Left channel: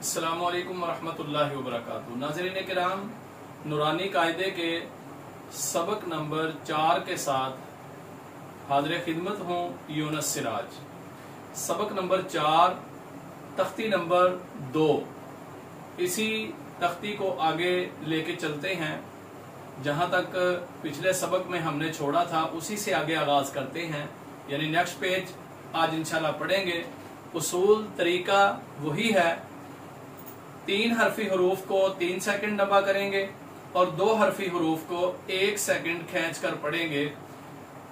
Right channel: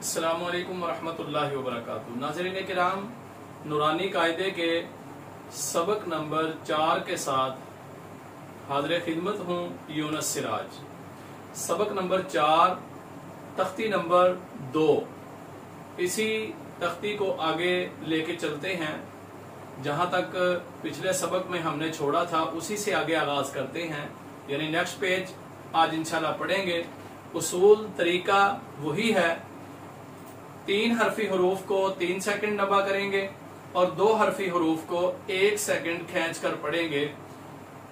अस्सलामु अलैकुम वरहमतुल्लाहि वबरकातुहू। नाज़रीन किराम, नूरानी कायदे के सबक नंबर 4 के साथ हाज़िर खिदमत हूँ यूनुस सिराज। सबक नंबर 4 तख्ती नंबर 2। इसी तख्ती को आगे लेके चलते हैं, जहां तक पिछले सबक में हमने छोड़ा था उसी से आगे आगाज करते हैं, यानी नेक्स्ट पेज आज इंशाल्लाह पढ़ेंगे। उसूल तरीका वही है, 3 हरफी हरूफ को 3 सेकंड नबा करेंगे और 2 हरफी हरूफ को 1 सेकंड खींच कर पढ़ेंगे।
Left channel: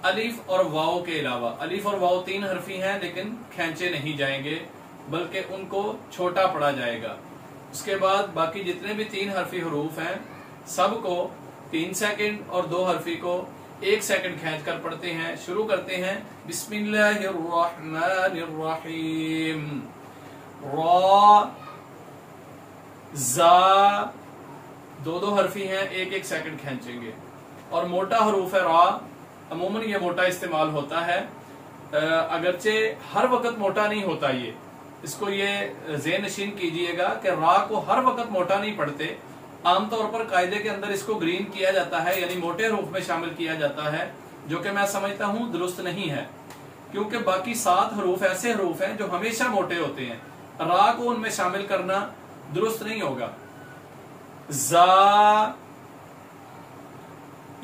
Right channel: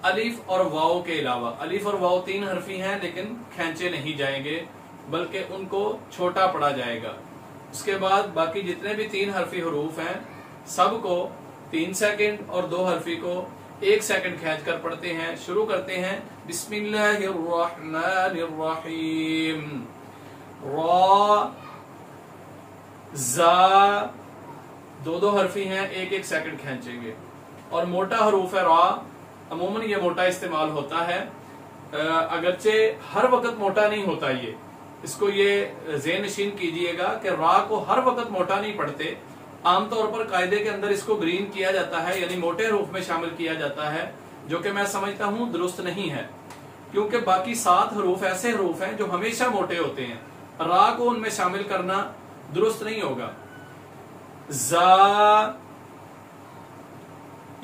अलिफ और वाव के अलावा, अलिफ और वाव 3 हरफी हैं लेकिन खींचे नहीं जाएंगे बल्कि उनको छोटा पढ़ा जाएगा। उसके बाद बाकी जितने भी 3 हरफी हरूफ हैं सबको 3 सेकंड और 2 हरफी को 1 सेकंड खींच कर पढ़ते हैं। शुरू करते हैं। बिस्मिल्लाहिर्रहमानिर्रहीम। रा जा 2 हरफी हैं, 1 सेकंड खींचेंगे। और मोटा हरूफ है रा, अमूमन ये मोटा इस्तेमाल होता है, अगरचे हर वक्त मोटा नहीं होता। ये इसको ये ज़हन नशीन कीजिएगा कि रा को हर वक्त मोटा नहीं पढ़ते। आमतौर पर कायदे के अंदर इसको ग्रीन किया जाता है, यानी मोटे हरूफ में शामिल किया जाता है, जो कि मैं समझता हूं दुरुस्त नहीं है, क्योंकि बाकी 7 हरूफ ऐसे हरूफ हैं जो हमेशा मोटे होते हैं। रा को उनमें शामिल करना दुरुस्त नहीं होगा। जा,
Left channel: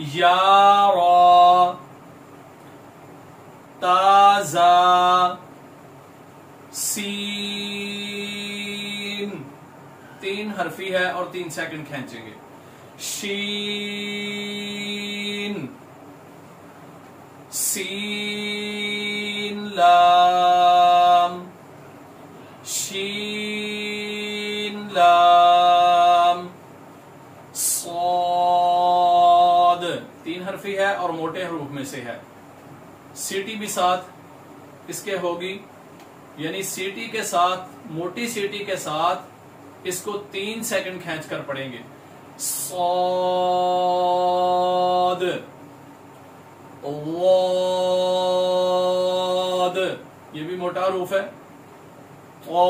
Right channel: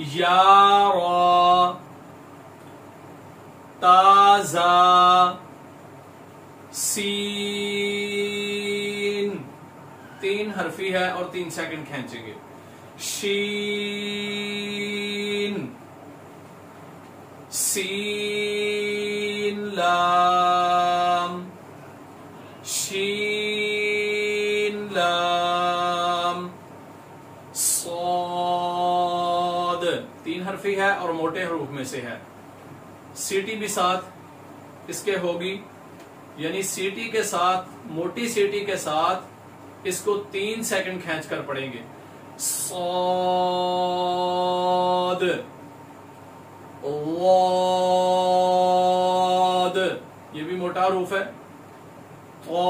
या, रा, ताजा, सीन 3 हरफी है और 3 सेकंड खींचेंगे। शीन, सीन लाम, शीन लाम, सौद 3 हरफी है और मोटे हरूफ में से है। सीटी भी साथ इसके होगी, यानी सीटी के साथ, मोटी सीटी के साथ इसको 3 सेकंड खींच कर पढ़ेंगे। सौद, वाद, ये भी मोटा हरूफ है। वो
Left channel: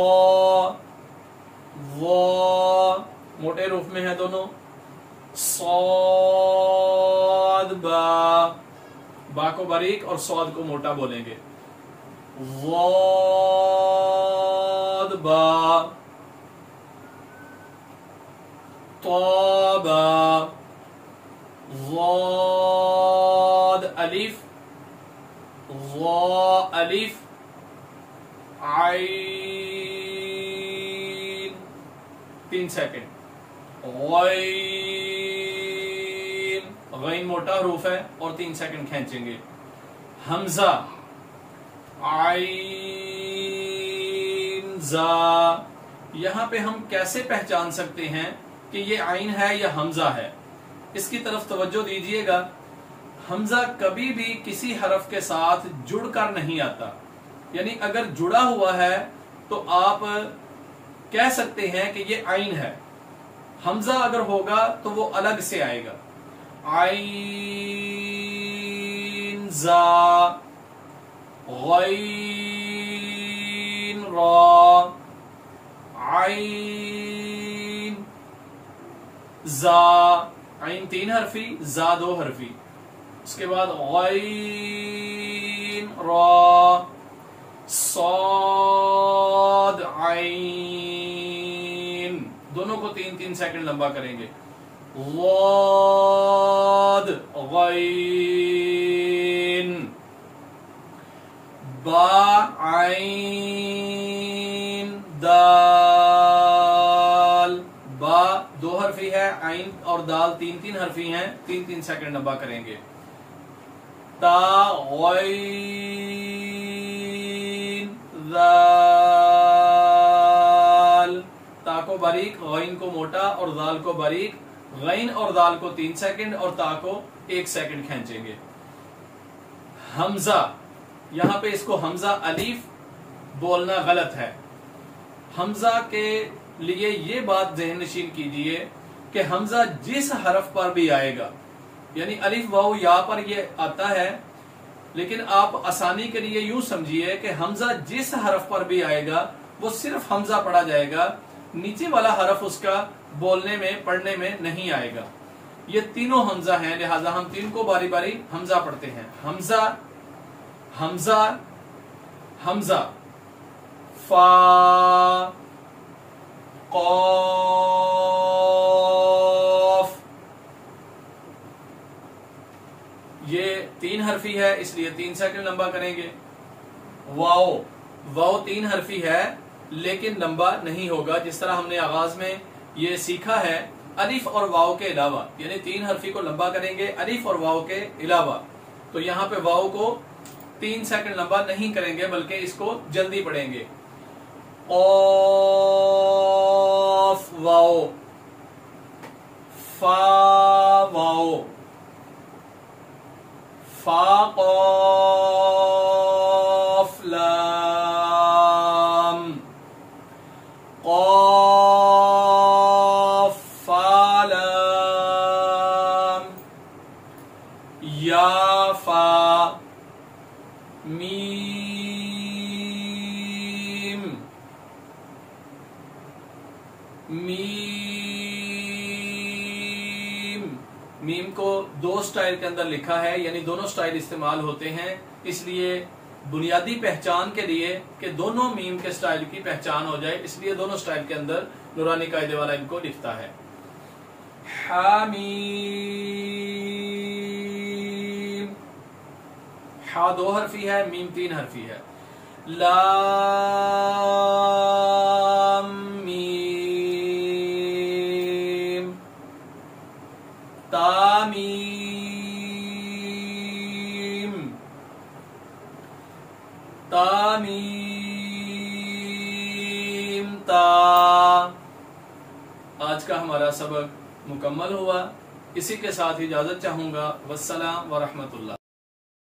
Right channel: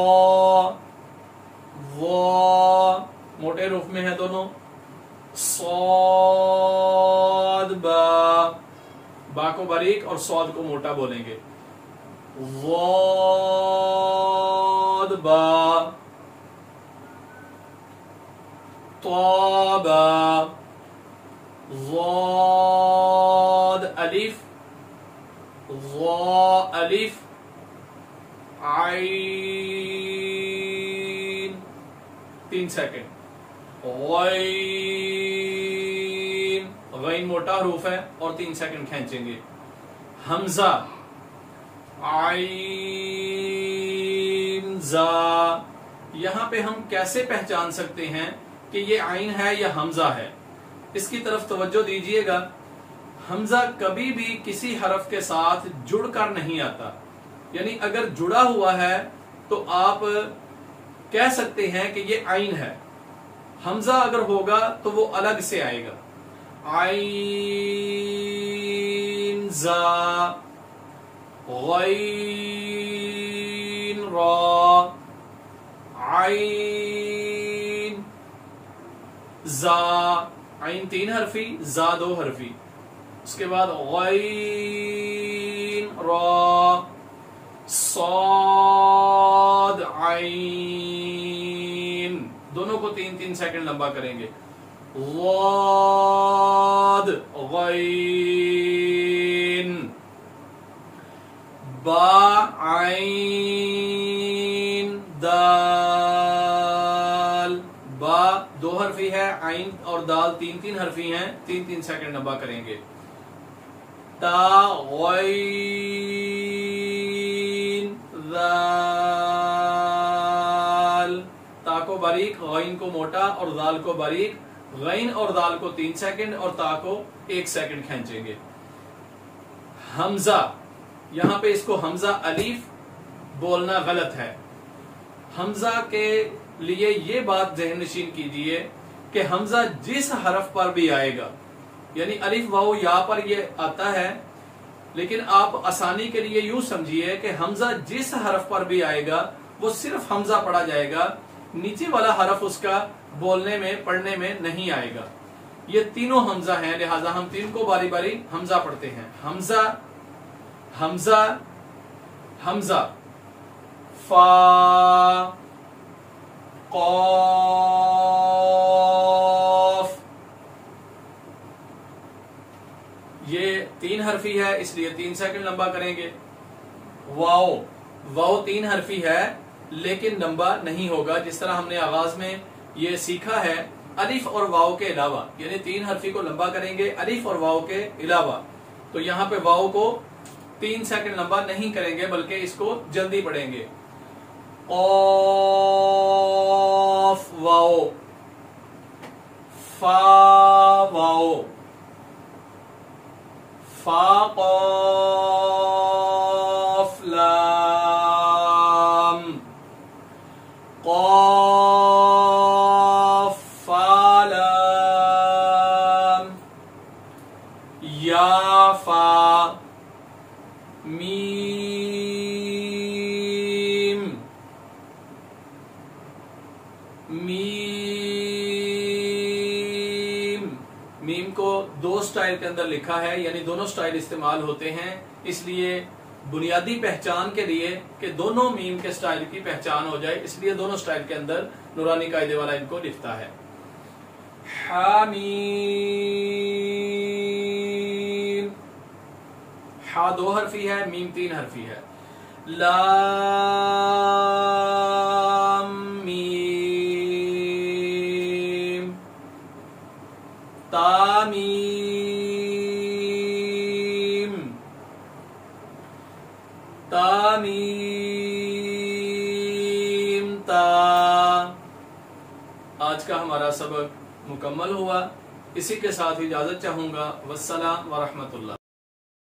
मोटे रूप में है दोनों। सौद बा को बारीक और सौद को मोटा बोलेंगे। वाद बा, तौबा, वाद अलिफ, वा अलिफ, आइन 3 सेकंड। गैन मोटा हरूफ है और 3 सेकंड खींचेंगे। हमजा, आइन जा, यहां पे हम कैसे पहचान सकते हैं कि ये आइन है या हमजा है? इसकी तरफ तवज्जो दीजिएगा। हमजा कभी भी किसी हरफ के साथ जुड़कर नहीं आता, यानी अगर जुड़ा हुआ है तो आप कह सकते हैं कि ये आइन है। हमजा अगर होगा तो वो अलग से आएगा। आइन जा, गैन रा, आइन जा, आइन 3 हरफी, जा 2 हरफी। उसके बाद गैन रा, सौद आइन, दोनों को 3-3 सेकंड लंबा करेंगे। वाद, गैन, बा, आइन, दाल, बा 2 हरफी है, आइन और दाल 3-3 हरफी हैं, 3-3 सेकंड लंबा करेंगे। ता, गैन, दाल, ता को बारीक, गैन को मोटा और दाल को बारीक। गैन और दाल को 3 सेकंड और ता को 1 सेकंड खींचेंगे। हमजा, यहां पे इसको हमजा अलीफ बोलना गलत है। हमजा के लिए ये बात ज़हन नशीन कीजिए कि हमजा जिस हरफ पर भी आएगा, यानी अलिफ वाव या पर ये आता है, लेकिन आप आसानी के लिए यूं समझिए कि हमजा जिस हरफ पर भी आएगा वो सिर्फ हमजा पढ़ा जाएगा, نیچے والا حرف اس کا بولنے میں پڑھنے میں نہیں آئے گا. یہ تینوں حمزہ ہیں، لہذا ہم تین کو باری باری حمزہ پڑھتے ہیں. حمزہ حمزہ حمزہ، فا قاف. یہ 3 حرفی ہے اس لیے 3 سیکنڈ لمبا کریں گے. واو، واو 3 حرفی ہے لیکن لمبا نہیں ہوگا. جس طرح ہم نے آغاز میں یہ سیکھا ہے الف اور واو کے علاوہ، یعنی 3 حرفی کو لمبا کریں گے الف اور واو کے علاوہ. تو یہاں پہ واو کو 3 سیکنڈ لمبا نہیں کریں گے بلکہ اس کو جلدی پڑھیں گے. قاف واو، فا واو، فا قاف لام، قاف فا لام، یا فا، میم، میم. میم کو 2 سٹائل کے اندر لکھا ہے، یعنی دونوں سٹائل استعمال ہوتے ہیں. اس لیے بنیادی پہچان کے لیے کہ دونوں میم کے سٹائل کی پہچان ہو جائے، اس لیے دونوں سٹائل کے اندر نورانی قاعدے والا ان کو لکھتا ہے. حامیم، ہا 2 حرفی ہے، میم 3 حرفی ہے. لام میم، تامیم، تامیم تا. آج کا ہمارا سبق مکمل ہوا. اسی کے ساتھ اجازت چاہوں گا. والسلام ورحمۃ اللہ.